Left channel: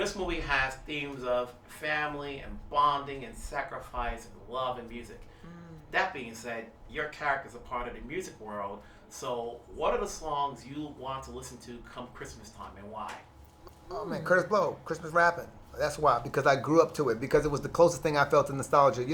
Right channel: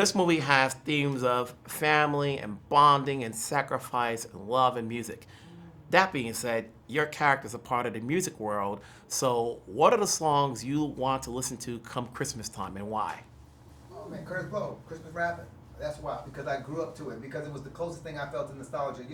This movie has themes of family and bonding and sacrifice and love and music. That being said, your character's a part of the music world. So, what are the songs you want to listen to come Christmas time, and why? Oh man, Curtis Blow, Christmas rapping. That's why, because I grew up to it, because it was the closest thing I felt to nostalgia.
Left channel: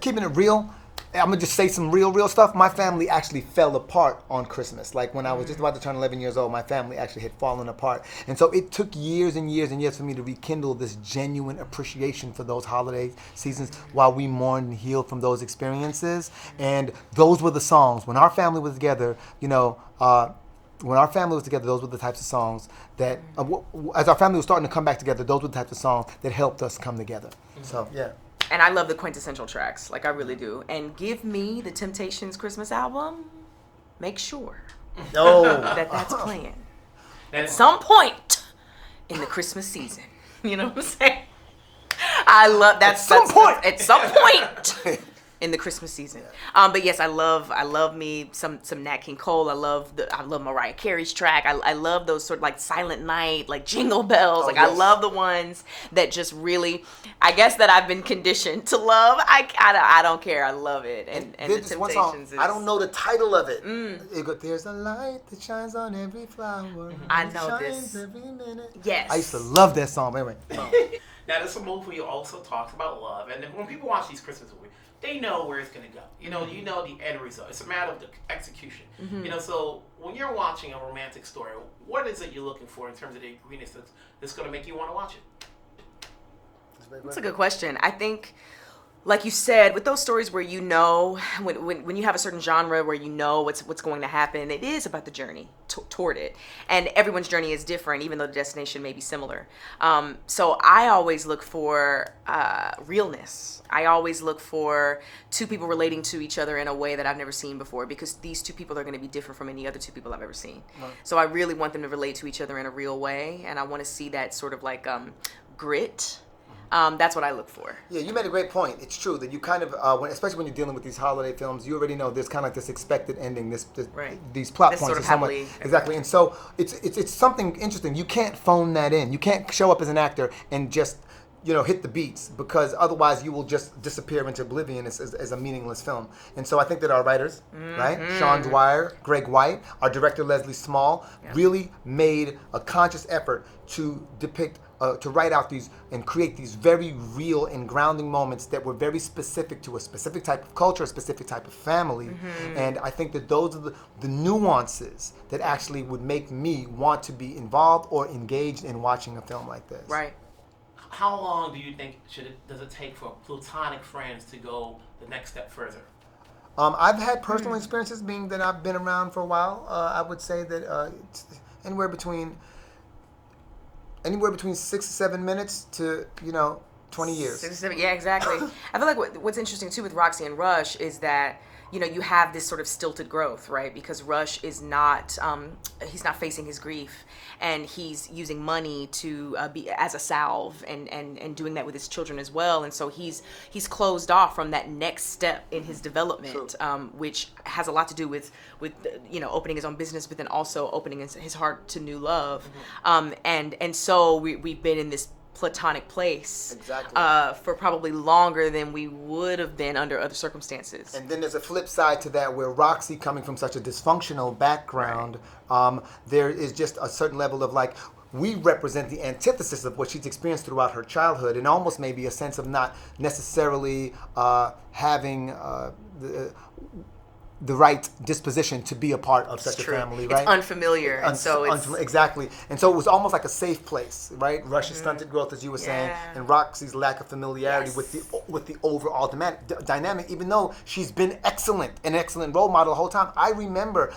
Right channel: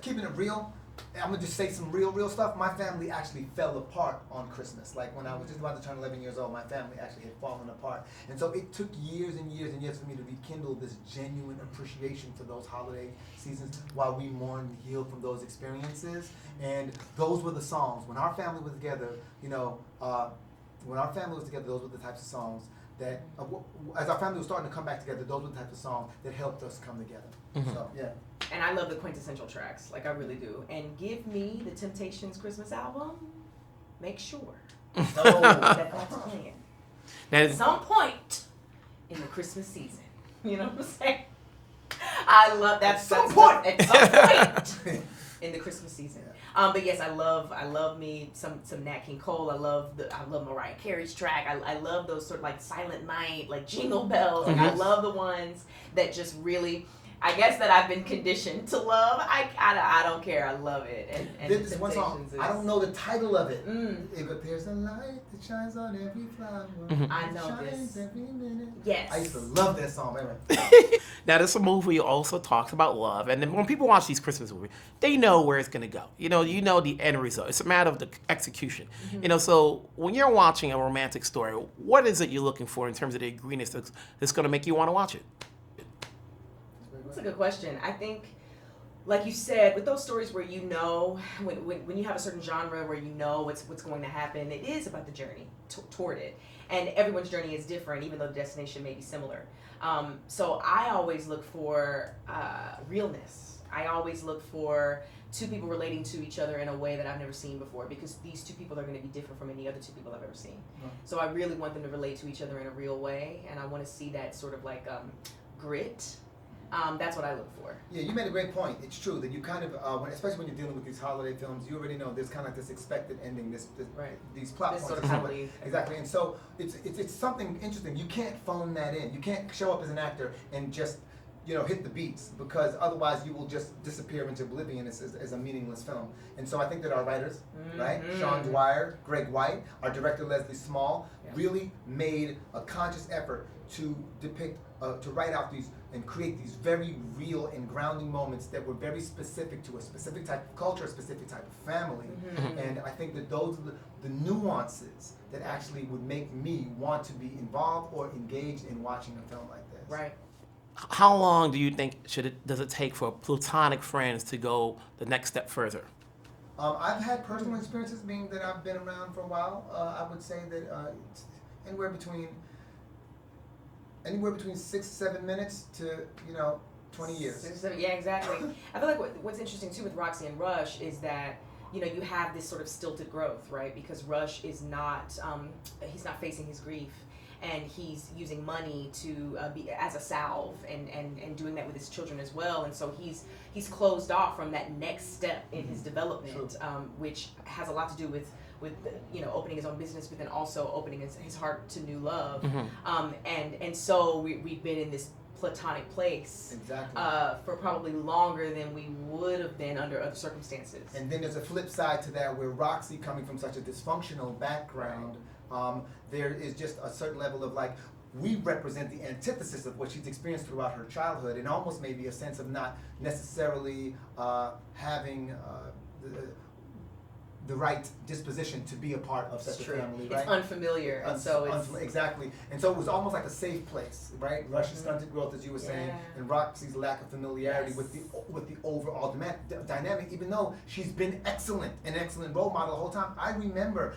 Keeping it real, I'm gonna just say some real stuff. My family actually fell apart on Christmas. Like when I was just about to turn 11 years old, my family actually had fallen apart. And so it took years and years and years for me to rekindle this genuine appreciation for those holiday seasons while we mourned and healed from those experiences. And those were the songs. When our family was together, those were the types of songs that, as our family was starting to come back together, those were the types of songs that helped us come together. So, yeah. And I love the quintessential tracks, like I really do. And give me the Temptations Christmas album. Make sure that's playing at some point in the Christmas season. You know what I'm saying? I love that. At some point in the Christmas season. But yes, I love me some Nat King Cole. I love Mariah Carey's track. I love those sort of like Silent Night, like Jingle Bells. I love the ones that just really, I guess that I've been conditioned to love. I don't care. I love it. And the Temptations one song, I don't know the title of it. There's a light that shines on every flower. I know this. Every minute. Yes. I used to love that song. Anyway. Now, this movie also talks about love, and then when people watch these Christmas movies, they know where it's going to go. You know the end result. It's a matter of the execution. So when you're watching a romantic story, what is it you're looking for in terms of the ingredients that's going to make you want to watch it? That's a good question. I think, like you said, with those stories where when you have a certain genre where you know what's going to happen, it is about the journey toward it. And everyone's journey is different, even though the destination may be similar. So I always look for realness. I always look for two people relating to each other in a way that I've never seen before, because these two people are going to be different from any other two people I've ever seen. Right. So I really want them to relate to each other in a real way, and I want to see that sort of like grit. That's what I look for. Yeah, you made a great point. It's true that you kind of, especially when you're dealing with these holiday films, you already know there's kind of like this expected ending, these plot this points. Sort of happily, exactly, and so it's something interesting. You can't phone that in. You can't show up as an actor and just hit the beats, because otherwise you will just disappear into oblivion as a meaningless film. And so I think that our writers, right, Sean Dwyer, Greg White, our director Leslie Small, really made a conscious effort to depict, to write out these and create these very real and grounding moments that were very specific to a specific type of culture, a specific type of family. And I think that those are the nuances that actually would make me want to be involved or engaged in watching a film like this. Right. How long do you think does it take for platonic friends to go the next step further? I've had personal experiences, being that I've been around for a while. I would say that it's anywhere between 6 to 7 minutes to 20 years. 6 to 7, yeah, exactly. I feel like what's interesting too with Roxy and Rush is that you have this sort of stilted growth, right? Because Rush is not he's not facing his grief. And he's using money to be as a salve and doing that with his children as well. And so he's closed off from that next step in his development, which has a lot to do with opening his own business, but then also opening his heart to new love. And so we've been in this platonic place for probably longer than we would have been under other circumstances. And then there's a flip side to that, where Roxy, coming from such a dysfunctional background, there is just a certain level of like, we represent the antithesis of what she's experienced throughout her childhood, and almost maybe a sense of not necessarily having the right disposition to be a part of such a family, right? It's unfamiliar, and so it's... Exactly. And so it was almost like a safe place, right? Rush's stunted growth, as you were saying, and Roxy's lack of familiarity with the overall dynamic, even though she's been an excellent role model the whole time. I remember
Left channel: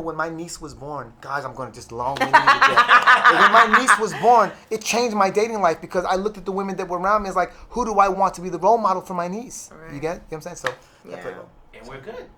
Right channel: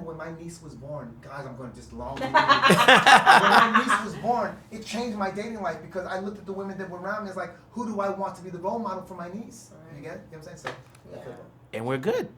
when my niece was born. Guys, I'm going to just long-winded. When my niece was born, it changed my dating life, because I looked at the women that were around me as like, who do I want to be the role model for my niece? Right. You get what I'm saying? So, and we're good.